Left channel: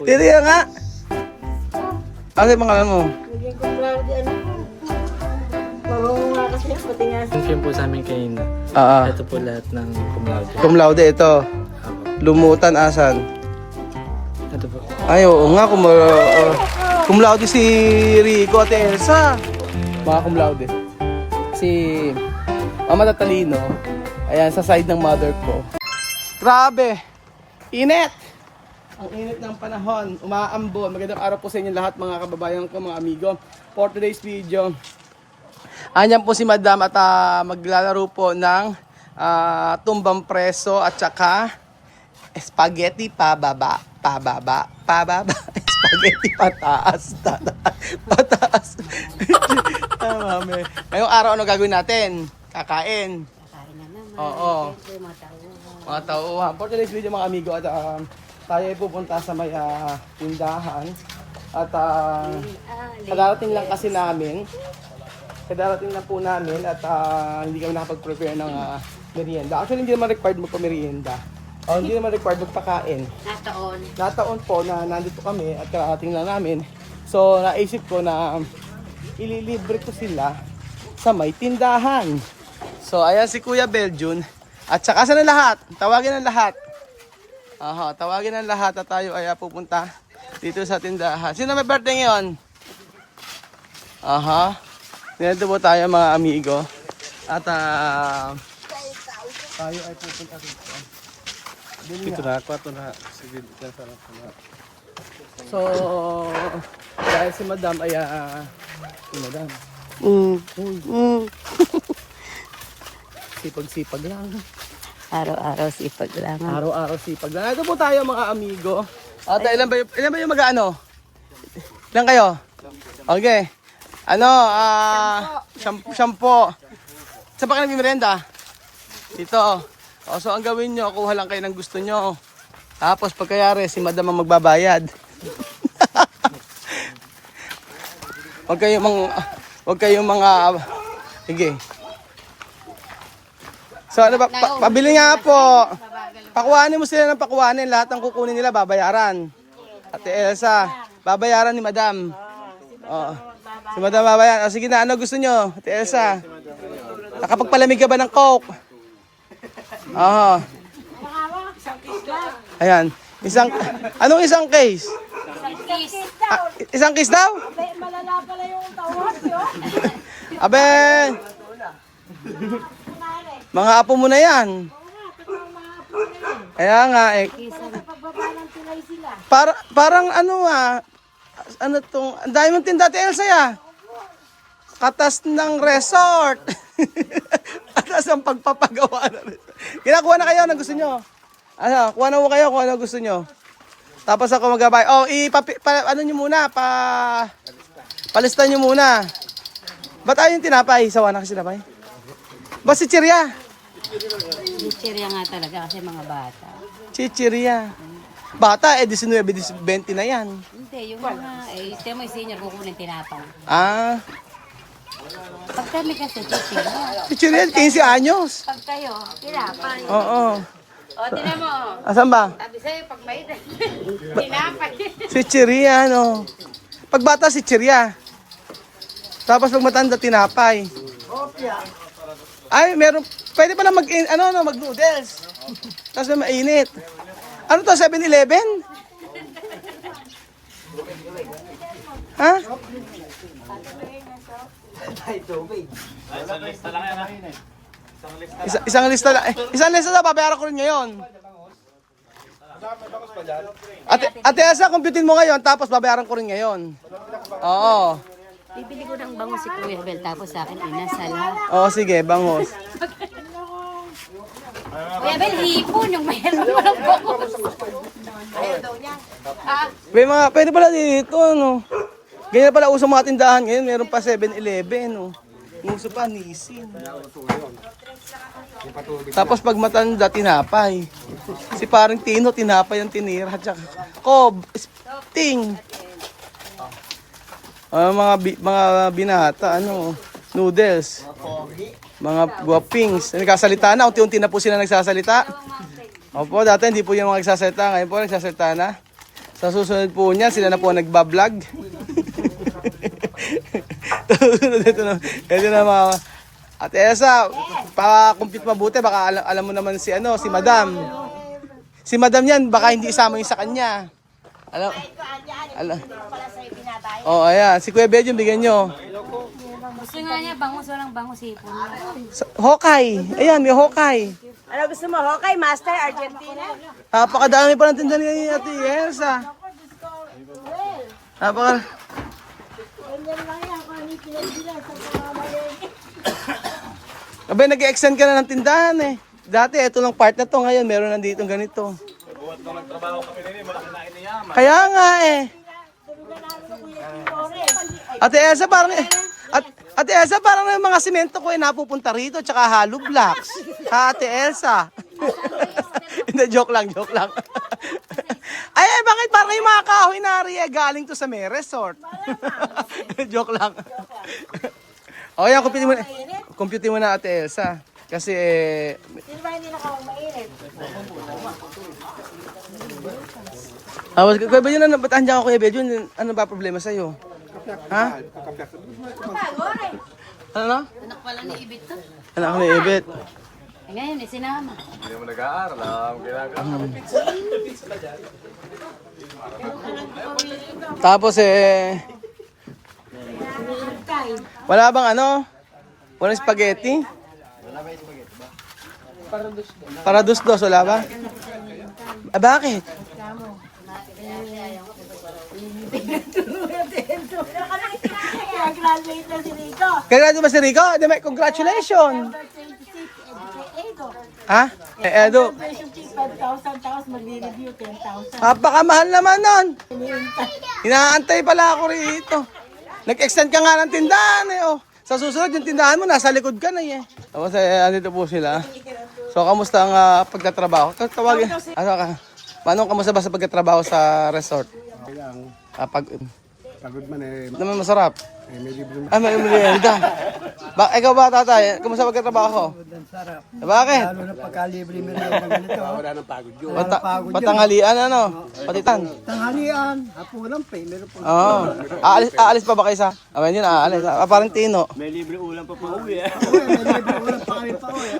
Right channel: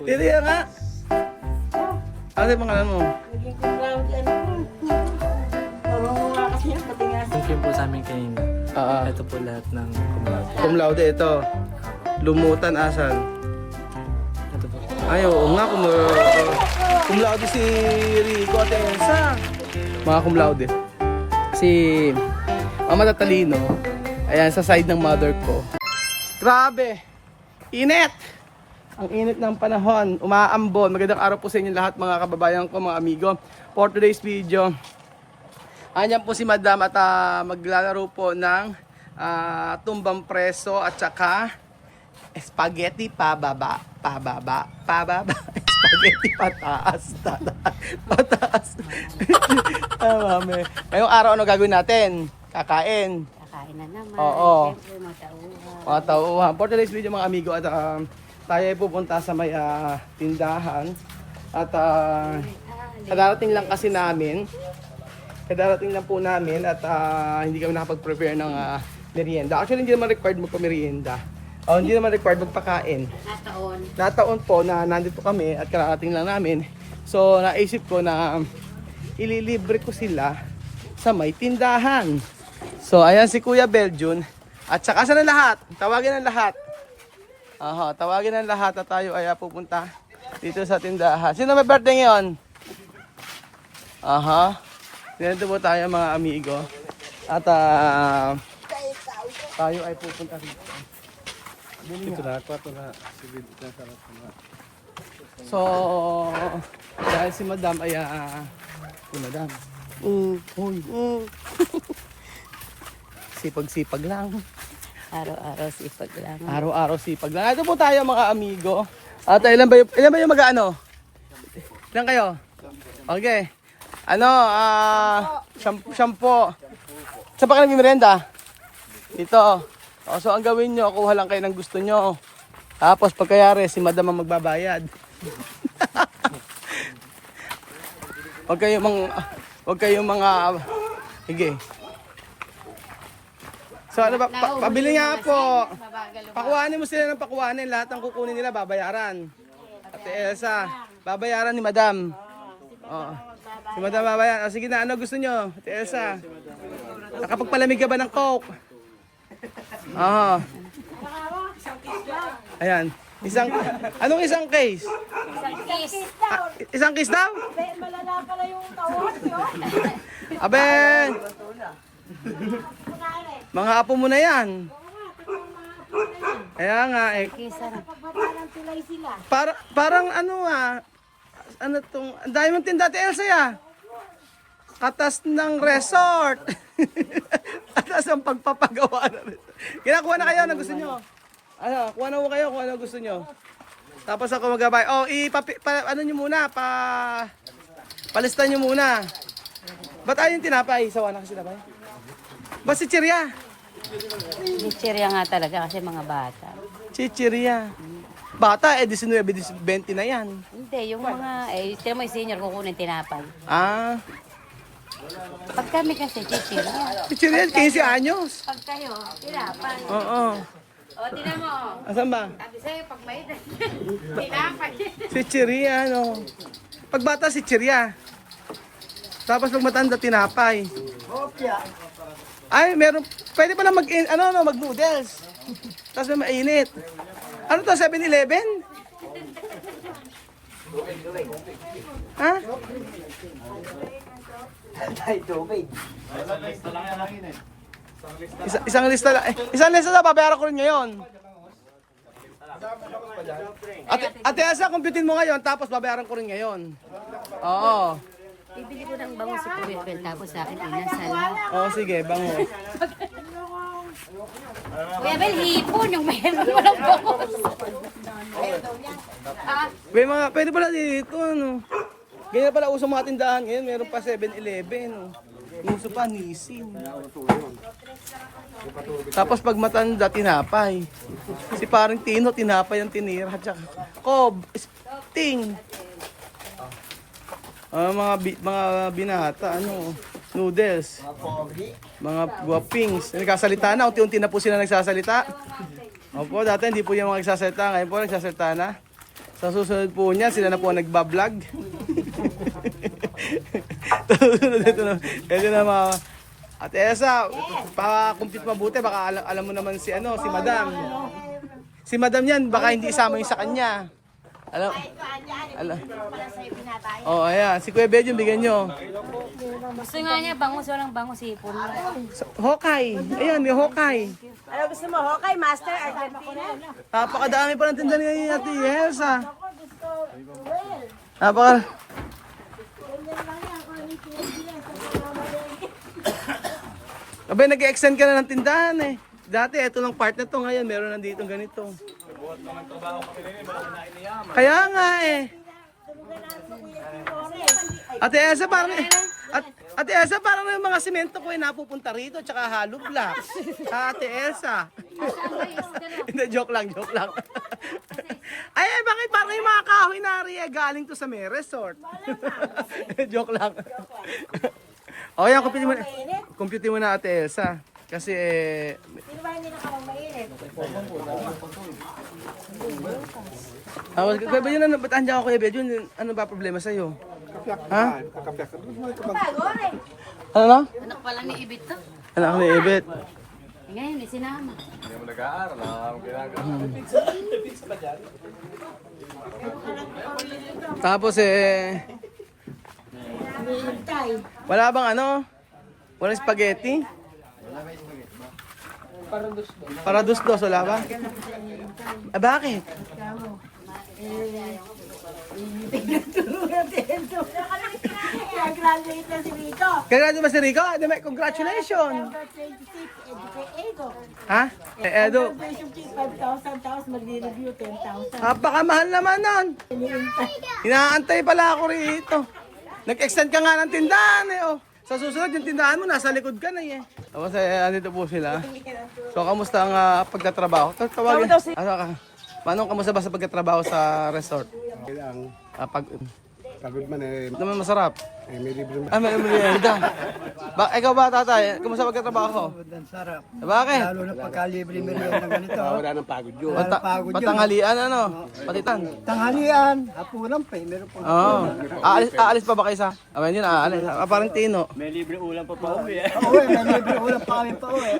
Tiri nga. Ano yung pangalan mo? Naging kumbaga, ano po. Mamamunga kasi yan, pati nga Yung film po sa amin kanina. Ito po lahat ng cum laude. Cum laude ito. Lumutan asan? Ito po. Ay, oo nga. Cum laude si Rico at Elsa. Mga cum laude. Si Mama Tatalino. Ayan, sa side ng mother ko. Grabe. Init. Ang init ng panahon. Umaambon. Magandang araw po sa inyo lahat mga kababayan ko, mga amigo. For today's video, andyan po si Madam at maglalaro po ng tumbang preso at saka spaghetti pababa. Spaghetti pataas. Pataas. Mami. Ngayong araw ano gagawin natin? Kakain. kakain na naman. Oo. Siyempre, matauhan. Tauhan. For today's video mga amigo at tayo ay pupunta sa may tindahan at kadarating lang kasi namin. Kadarating lang po namin at hindi kami nakapag-prepare ng merienda. Actually hindi naman required magpa-merienda. Hindi naman required magpakain. Nataon po na nandito kami at kadarating lang namin. So naisip ko na ililibre ko sila sa may tindahan. So ayan si Kuya Belgian. At saka sa lahat, tawagin ang lahat. Tawagin ang lahat at tayo ay pupunta dito sa tindahan. Sino may birthday ngayon? Dito po tayo mga amigo. At tayo ay pupunta dito. Ito na, ito na. Sige, So, dahil si Madam ay si Madam. Sipag-sipag lang. Araw-araw sipag lang. Araw-araw sipag lang. Ito po tayo mga amigo. At ilan ba yung mag-ano? Ilan kayo? Okay. Shampoo. Saan pa kayo nagmimerenda? Dito. So ang gawin nyo, kuha lang kayo ng gusto nyo. Tapos pagkayari, si Madam ang magbabayad. Huwag kayong mga sige. So ano ba, pabili nga po. Pakuhanin mo sila ng pakuhanin. Lahat ng kukunin nila babayaran. Ate Elsa, babayaran ni Madam. Si Madam babayaran. Sige na, ano gusto nyo? Ate Elsa, nakapagpalamig ka ba ng Coke? Ayan. Anong isang case? Isang case daw? Malala pala yung tawag yun. Abe! Mga apo mo na yan. Kaya nga eh. Pagbaba ng tulay sila. Parang ano tong, ang dami mong tinda, Ate Elsa ya. Katas ng resort. Katas ang pagpapagawa ng resort. Kinakuha na kayo na gusto nyo. Kuha na mo kayo kung ano gusto nyo. Tapos ako magabay. Ano nyo muna, palista nyo muna. Ba't ayaw yung tinapay? Sawa na kasi tinapay. Ba si Chiria? Chichirya nga talaga kasi mga bata. Chichiria. Bata, 19, 20 na yan. Hindi, yung mga, tira mo yung senior kukunin tinapay. Pag kami kasi chichirya. Chichiria, 15 anyos. Pag kayo, tinapay. Oo. Tinan mo. Asan ba? Sabi sa'yo, pag may tinapay. Chichiria, ano. Pag bata, si Chiria. Tapos pag matanda, tinapay. Ay, meron, pwede pala mag-noodles. Tapos may mainit. Ano to, 7-Eleven? Ha? Isang lista lang. Isang lista lang, babayaran ko rin ngayon. Ate Elsa, computein mo ngayon, tapos babayaran ko rin ngayon. Oo. Bibili ko ng bango si Kuya Bel, tapos sa akin inasal ha. Oo, sige, bangos. Kuya Bel, hipon yung mayroon mo ng bangus. Pwede pala dito, ano. Ganyan pala uso mga tindahan ngayon, meron pa 7-Eleven, no. Uso pa, Nissin. Tapos pag matanda, tinapay. Si parang Tino, tinapay ang tinira. Tsaka, Cob, Ting. Mga binata, noodles. Mga guwapings. Nagsasalita na, unti-unti na po sila nagsasalita. Opo, dati hindi po yung mga nagsasalita. Ngayon po nagsasalita na. Sa susunod po niya, sila na po ang nagbablog. Susunod ito na mga... Ate Elsa, pa-compute mabuti, baka alam mo naman si Madam. Si Madam yan, baka hindi isama yung sa kanya. Alam. Oh, ayan. Si Kuya Bed yung bigyan nyo. Gusto nga niya, bangus, walang bangus, ipon. Hokay. Ayan, may Hokay. Ano gusto mo? Okay, Master, Argentina? Napakadami pa ng tinda ni Ate Elsa. Napaka... Abay, nag-extend ka na ng tindahan eh. Dati, ito lang part na to. Ngayon, meron nandito ganito. Kaya nga eh. Ate Elsa, parang... Ate Elsa, parang yung mga simento ko ay napupunta rito, tsaka hollow blocks. Ha, Ate Elsa? Hindi, joke lang. Ay, bakit parang yung mga kahoy na galing to sa may resort? Joke lang. O yan, compute mo na Ate Elsa. Kasi Sino ba hindi nakawang mainit? Kuya Bedyon, ba't andyan ka Kuya Bedyon? Ano ba problema sa'yo? Ha? Ano na? Anak pala ni Ibit to. Anak ni Ibet. Ngayon, isinama. Tapos wala bang walang spaghetti? Para dos-dos, wala ba? Bakit? Graduate na si Rico. Kaya ba si Rico? Congratulations! Number 26, Edo. Ha? Edo. Graduation fee 5,000, tapos magre-review 10,000. Napaka-mahal naman nun. Hinihintay. Inaantay pala ako rito. Nag-extend ka nga ng tindahan eh. Oh. Sa susunod yung tindahan mo, nasa likod ka na eh. Tapos andito po sila. So, kamusta ang pagtatrabaho? Tawagin. Paano kamusta ba sa pagtatrabaho sa resort? Kailangan pagod man Naman masarap. may libre May merienda. Ikaw ba tatay? Kamusta pagtatrabaho? sarap. Bakit? Lalo na pagka-libre merienda ng ganito. Wala nang pagod yun. Patanghalian Patitan. Tanghalian, hapunan pa meron po. Oo. Aalis pa ba kayo sa? Amen yun, aalis. Parang Tino. May libre ulam pa uwi. Oo, may libre ulam pa kami pa uwi.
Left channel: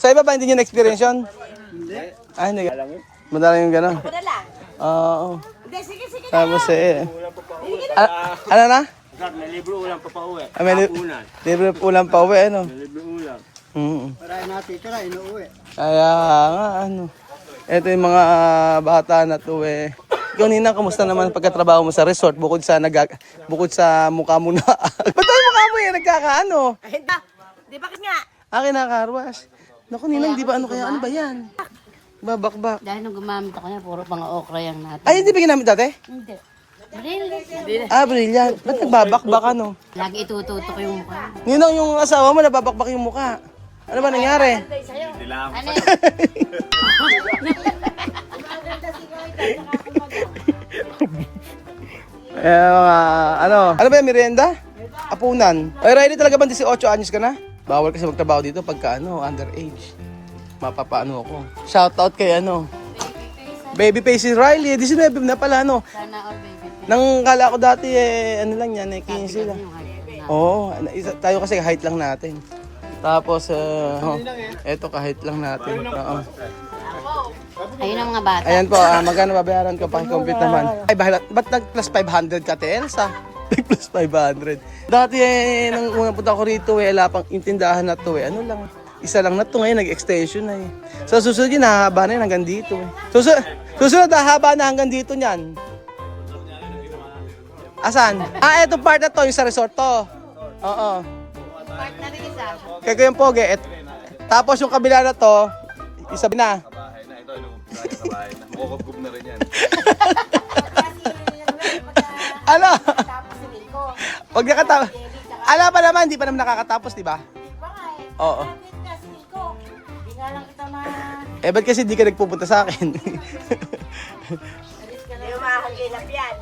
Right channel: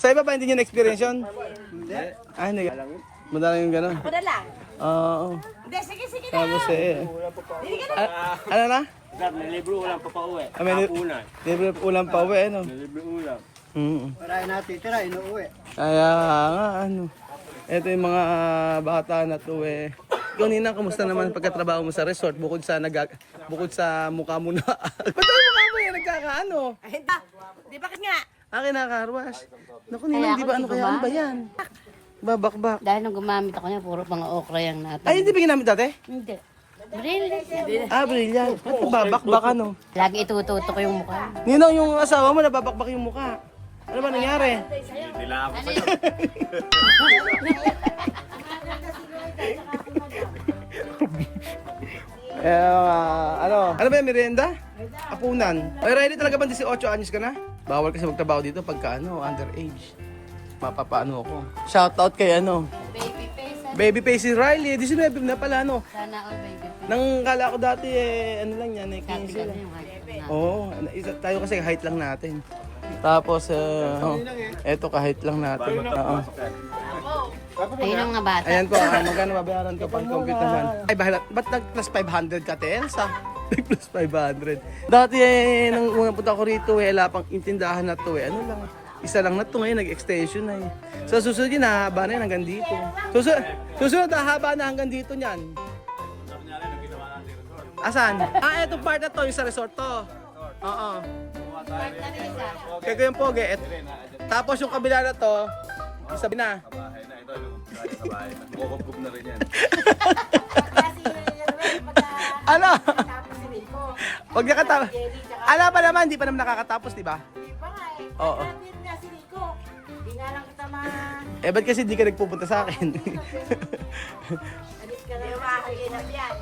Sa iba ba hindi nyo na-experience yun? Hindi. Hindi. Madala yung gano'n. Padala. Oo. Hindi, sige. Tapos ano na? Sir, may libre ulam pa uwi. May libre ulam pa uwi, ano? May libre ulam. Para natitira, inuuwi. Kaya nga, ito yung mga bata na to eh. Ikaw Nina, kamusta naman pagkatrabaho mo sa resort bukod sa mukha mo na? Ba't ang mukha mo yung nagkakaano? Di ba nga? Kinakarwas. Naku Nina, hindi ba ano ba yan? Babakbak. Dahil nung gumamit ako niya, puro pang okra yung natin. Ay, hindi ba ginamit dati? Hindi. Brilliant. Brilliant. Ba't nagbabakbak ano? Lagi itututo ko yung mukha. Ninong, yung asawa mo nababakbak yung mukha. Ano ba nangyari? Ano ba yung merienda? Apunan. Ay, Riley, talaga ba 18 anyos ka na? Bawal kasi magtrabaho dito pagka underage. Mapapaano ako. Shoutout kay Baby face si Riley. 19 na pala Sana all baby. Nang kala ko dati ano lang yan, 15 lang. Oo, tayo kasi height lang natin. Tapos, eto kahit lang natin. Oo. Ayun ang mga bata. Ayan po, magkano babayaran ko pang-compute naman? Ay, ba't nag-plus 500 ka, Elsa? Plus 500. Dati nang unang punta ko rito, wala pang intindahan na to ano lang. Isa lang na to ngayon, nag-extension na So susunod yun, hahaba na yun hanggang dito. Susunod, hahaba na hanggang dito niyan. Asan? Eto part na to, yung sa resort to. Oo. Kaya yung poge. Tapos yung kabila na to, isabi na. Makukubkub na rin yan. Ano? Tapos si Rico. Pag nakatapos. Ala pa naman, hindi pa naman nakakatapos, di ba? Pa nga eh. Oo. Graduate na si Rico. Di nga lang kita Ba't kasi di ka nagpupunta sa akin? alis ka na yung makakagilap yan.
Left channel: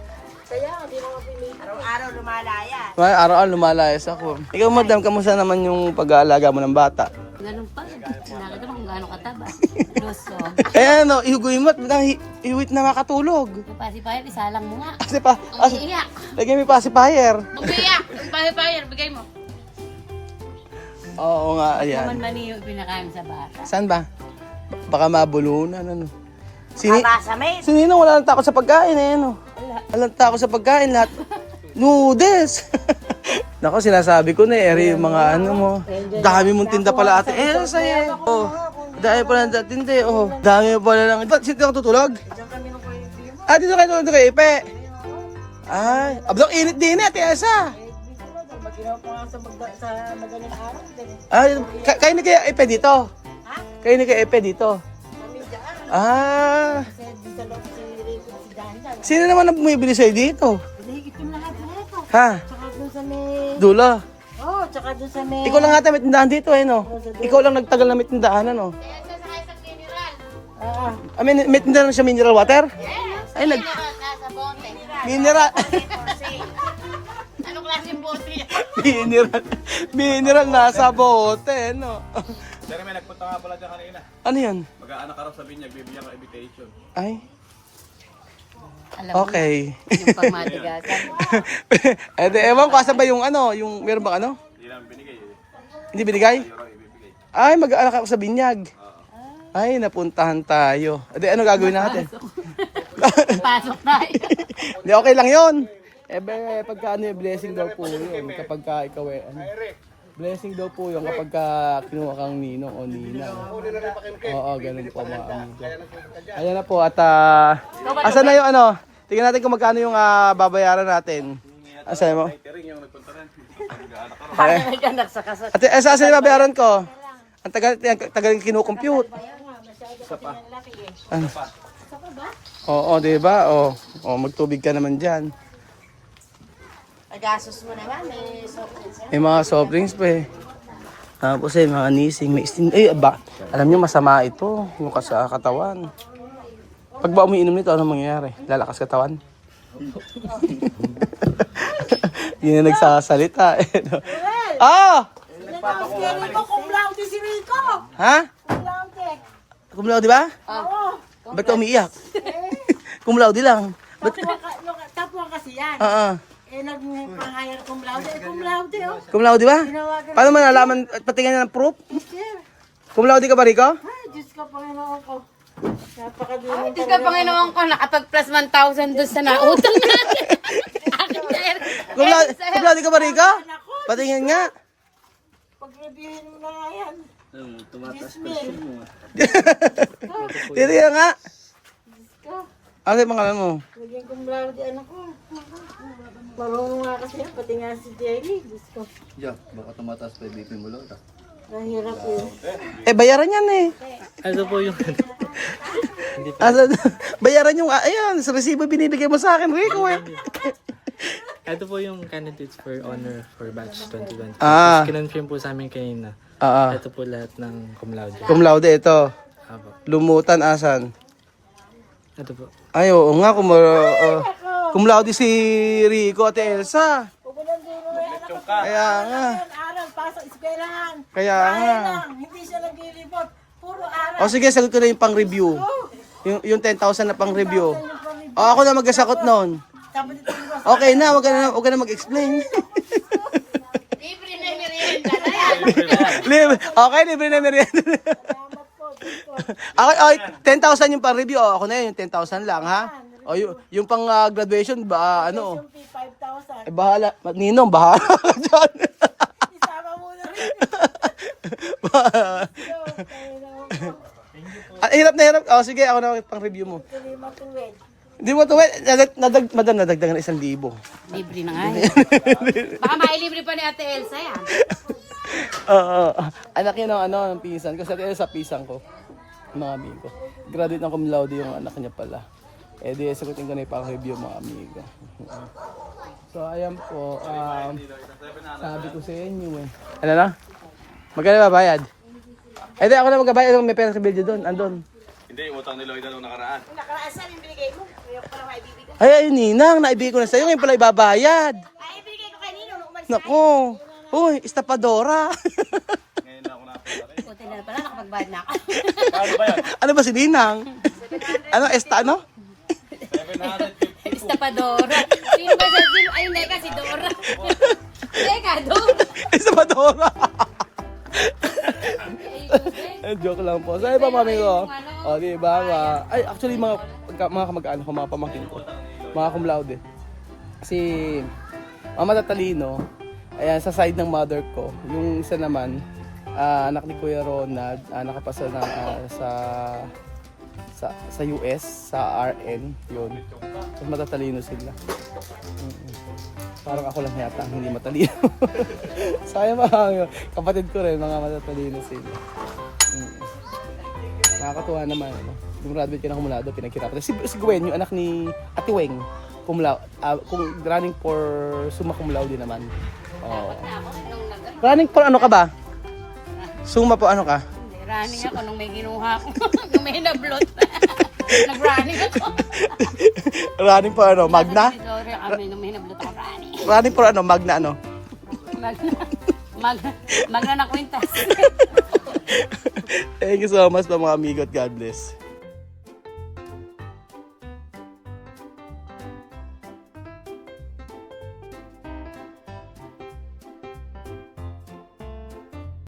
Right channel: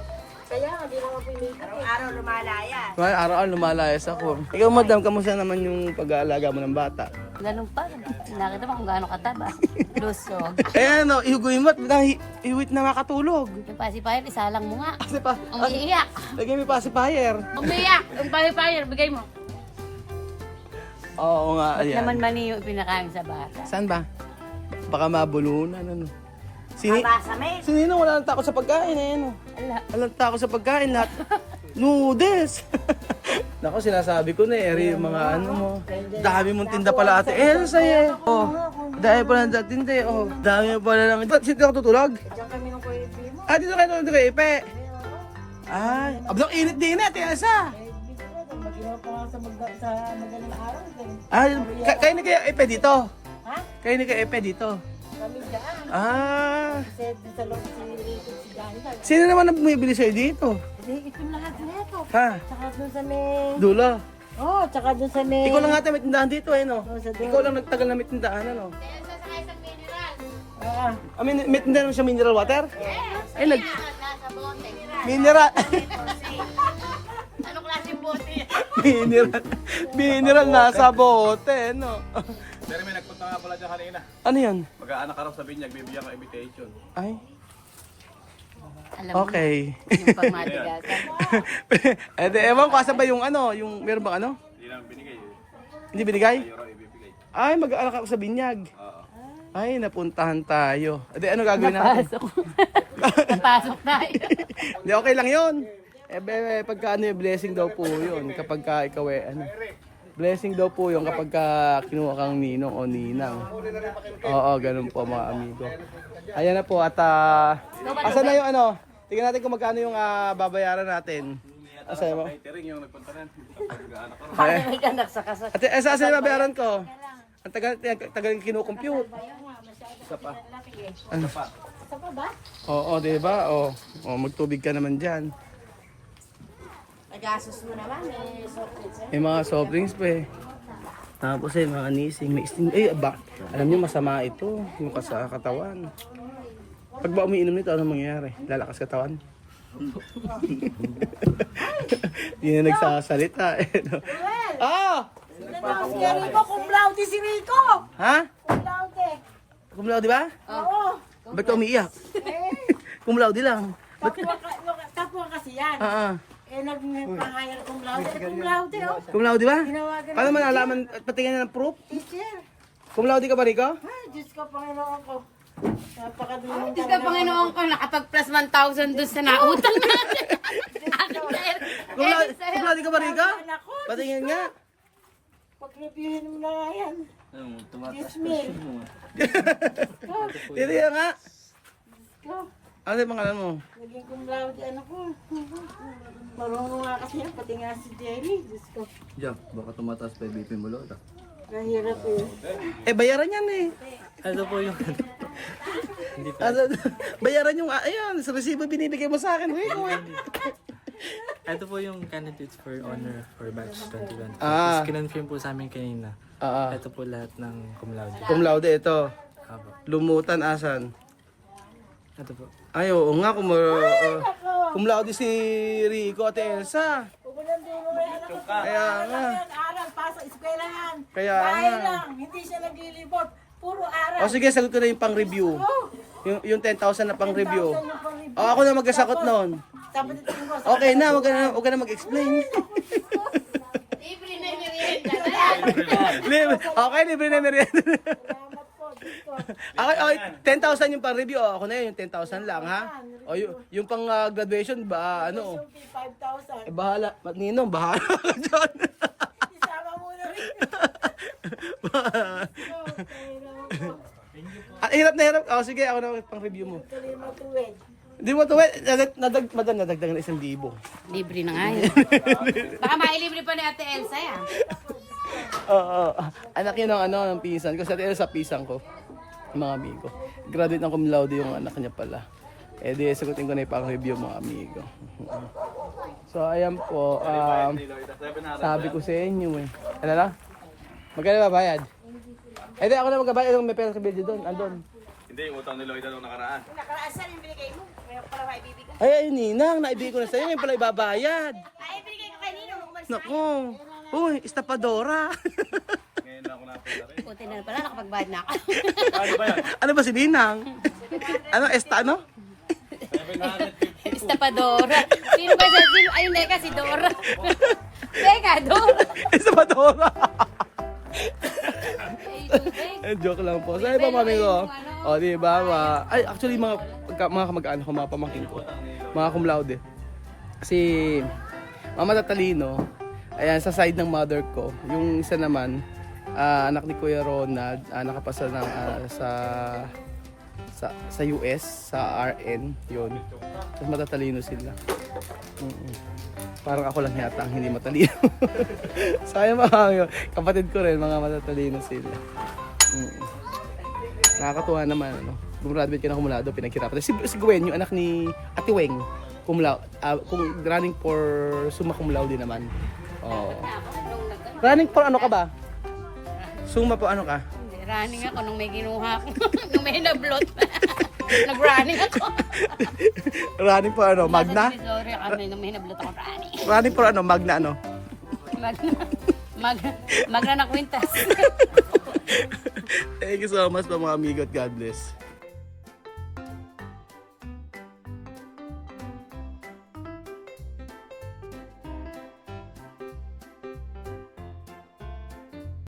Kaya hindi naman pinili. Araw-araw lumalayan. Araw-araw lumalayas ako. Ikaw madam, kamusta naman yung pag-aalaga mo ng bata? Ganun pa. Nakita mo kung gaano kataba. Lusog. Ayan o, ihuguin mo at iwit na makatulog. Yung pacifier, isalang mo nga. Kasi pa, Ang iiyak. lagyan mo yung pacifier. Umiiyak. Yung pacifier, bigay mo. Oo nga, ayan. Naman ba niyo pinakain sa bata? Saan ba? Baka mabulunan, ano. Masamit. Si Ninong wala nang takot sa pagkain, eh, ano. Walang takot sa pagkain, lahat. Noodles! Nako, sinasabi ko na, eri yung mga ano mo. Dami mong tinda pala ate. Elsa, eh. Oh, dahil pala ng tinda, eh. Oh, dami mo pala lang. Ba't sino ka tutulog? Ah, dito kayo tulog kay Ipe. Ay, abdok init din, ate Elsa. Maginaw pa nga sa madaling araw. Ah, kayo ni kaya Ipe dito? Ha? Kayo ni kaya Ipe dito? Kami dyan. Ah, Kasi dun sa loob si Rico si Daniel. sino naman ang bumibili sa'yo dito? Hinihigit yung lahat na ito. Ha? Tsaka dun sa may... Dula. Oh, tsaka dun sa may... Ikaw lang ata may tindahan dito, eh, no? Oh, sa dulo. Ikaw lang nagtagal na may tindahan, ano? Ah, I mean, may tindahan na siya mineral water? Ay, mineral. Anong klaseng bote? mineral nasa bote, no? Pero may nagpunta nga pala dyan kanina. Ano yan? Mag-aanak ka raw sa binyag, bibigyan ka invitation. Ay, Alam mo, okay. yung pagmatigasan. Eh, di, ewan ko, asan ba yung ano? Yung, meron bang ano? Hindi namin binigay eh. Hindi binigay? Euro ibibigay. Ay, mag-aalak ako sa binyag. Ay, napuntahan tayo. Eh, di, ano gagawin natin? Napasok tayo. Hindi, okay lang yun. Eh, pagka ano yung blessing daw po yun. Kapag ka ikaw eh, ano. Blessing daw po yun kapag ka kinuha kang ninong o ninang. Oo, ganun po mga amigo. Ayan na po at asan na yung ano? Tingnan natin kung magkano yung babayaran natin. Asan mo? Tiring yung nagpunta rin. Mag-aanak ka raw. Ay, ate, asan yung babayaran ko? Ang tagal yung kinukompute. Ano? Oo, di ba? Oo, magtubig ka naman dyan. Agasos mo naman, may software siya. May mga soft drinks pa eh. Tapos eh, mga nising, may steam. Eh, ba? Alam nyo, masama ito. Yung sa katawan. Pag ba umiinom nito, ano mangyayari? Lalakas katawan? Yun na nagsasalita. Eh, no? Ah! Si Rico, kumplauti si Rico! Ha? Kumplauti! Kumlaw, di ba? Oo! Ba't ka umiiyak? Kumlaw, di lang. Ba't? Tapwa kasi yan. Eh, nagpang-hire kumplauti. Kumplauti, oh. Kumlaw, di ba? Tinawagan Paano man nalaman at patingin ng proof? teacher. Kumlaw, di ka ba, Rico? Ay, Diyos ka, Panginoon ko. Napakadunong Diyos ka, Panginoon ko, nakapag-plus 1,000 doon sa nautang natin. Akin na rin. Kumlaw, di ka ba, Rico? Patingin nga. Pag-reviewin mo na yan. Dismiss. Tiri nga. Ano yung pangalan mo? Naging kumplauti, anak ko. Marunong nga kasi yan, pati nga si Jerry. Diyos ko. Diyan, baka tumataas pa yung BP mo Lola. Nahirap eh. Eh, bayaran yan eh. Ano po yung... Bayaran yung, ayun, sa resibo binibigay mo sa akin, Rico eh. Ito po yung candidates for honor for batch 2020. Ah. Tapos kinonfirm po sa amin kanina. Ito po lahat ng cum laude. Cum laude, ito. Haba. Lumutan, asan? Ito po. Ay, oo nga, cum laude si Rico at Elsa. Pupunan din mo yan ako. Kaya nga. Aral, pasok, eskwelahan. Kaya Bahay nga. lang, hindi siya naglilibot. Puro aral. O sige, sagot ko na yung pang-review. Yung 10,000 na pang-review. O, ako na magkasakot noon. Tapos ito yung Okay na, wag ka na mag-explain. Libre na yung merienda na yan. Okay, libre na merienda. salamat po. Diyos ko. Okay, 10,000 yung pang-review. O, ako na yun, yung 10,000 lang, ha? O, yung pang-graduation, ba, ano? Yung fee, 5,000. Eh, bahala. Ninong, bahala ka dyan. Isama mo na rin. Hirap na hirap. O, sige, ako na pang-review mo. Tuloy matuwid. Hindi mo ito, nadagdagan na 1,000. Libre na nga yan. Baka mailibre pa ni Ate Elsa yan. Anak niya ng ng pinsan ko. Sa sa pisang ko. Mga amigo. Graduate ng cum laude yung anak niya pala. Eh di, sagutin ko na yung pang-review mga amigo. So, ayan po. Sabi ko sa inyo eh. Ano na? Magkano babayad? Eh di, ako na magbabayad. May pera sa video doon. Andun. Hindi, yung utang ni Lloyd nung nakaraan. Nakaraan saan yung binigay mo? Kaya pala maibibigay. Ay, ayun, Ninang. Naibigay ko na sa'yo. Ngayon pala ibabayad. Ay, ibigay ko kay Nino nung umalis. Nako. Uy, estapadora. Ngayon na ako napunta rin. Buti na pala, nakapagbayad na ako. Ano ba si Ninang? Ano, ano? Estapadora. Sino ba siya? Sino? Ayun, Neka, si Dora. Neka, Dora. Estapadora. Ay, tubig. Joke lang po. Saan ba mami ko? O, di ba? Ay, actually, mga kamag-anak ko, mga pamangkin ko. Mga cum laude. Si Mama Tatalino, ayan, sa side ng mother ko. Yung isa naman, anak ni Kuya Ronald, nakapasal ng, sa US, sa RN, yun. Tapos matatalino sila. Parang ako lang yata ang hindi matalino. Sayang mga kapatid ko rin, mga matatalino sila. Nakakatuwa naman, ano. Gumraduate ka na kumulado, pinaghirapan. Si Gwen, yung anak ni Ate Weng, kung running for summa cum laude naman. Oh. Running for ano ka ba? Summa po ano ka? Hindi, running ako nung may kinuha ko. Nung may nablot. Nag-running ako. Running for ano? Magna? Sorry kami nung may nablot ako running. Running for ano? Magna ano? Magna na kwintas. Thank you so much mga amigo at God bless.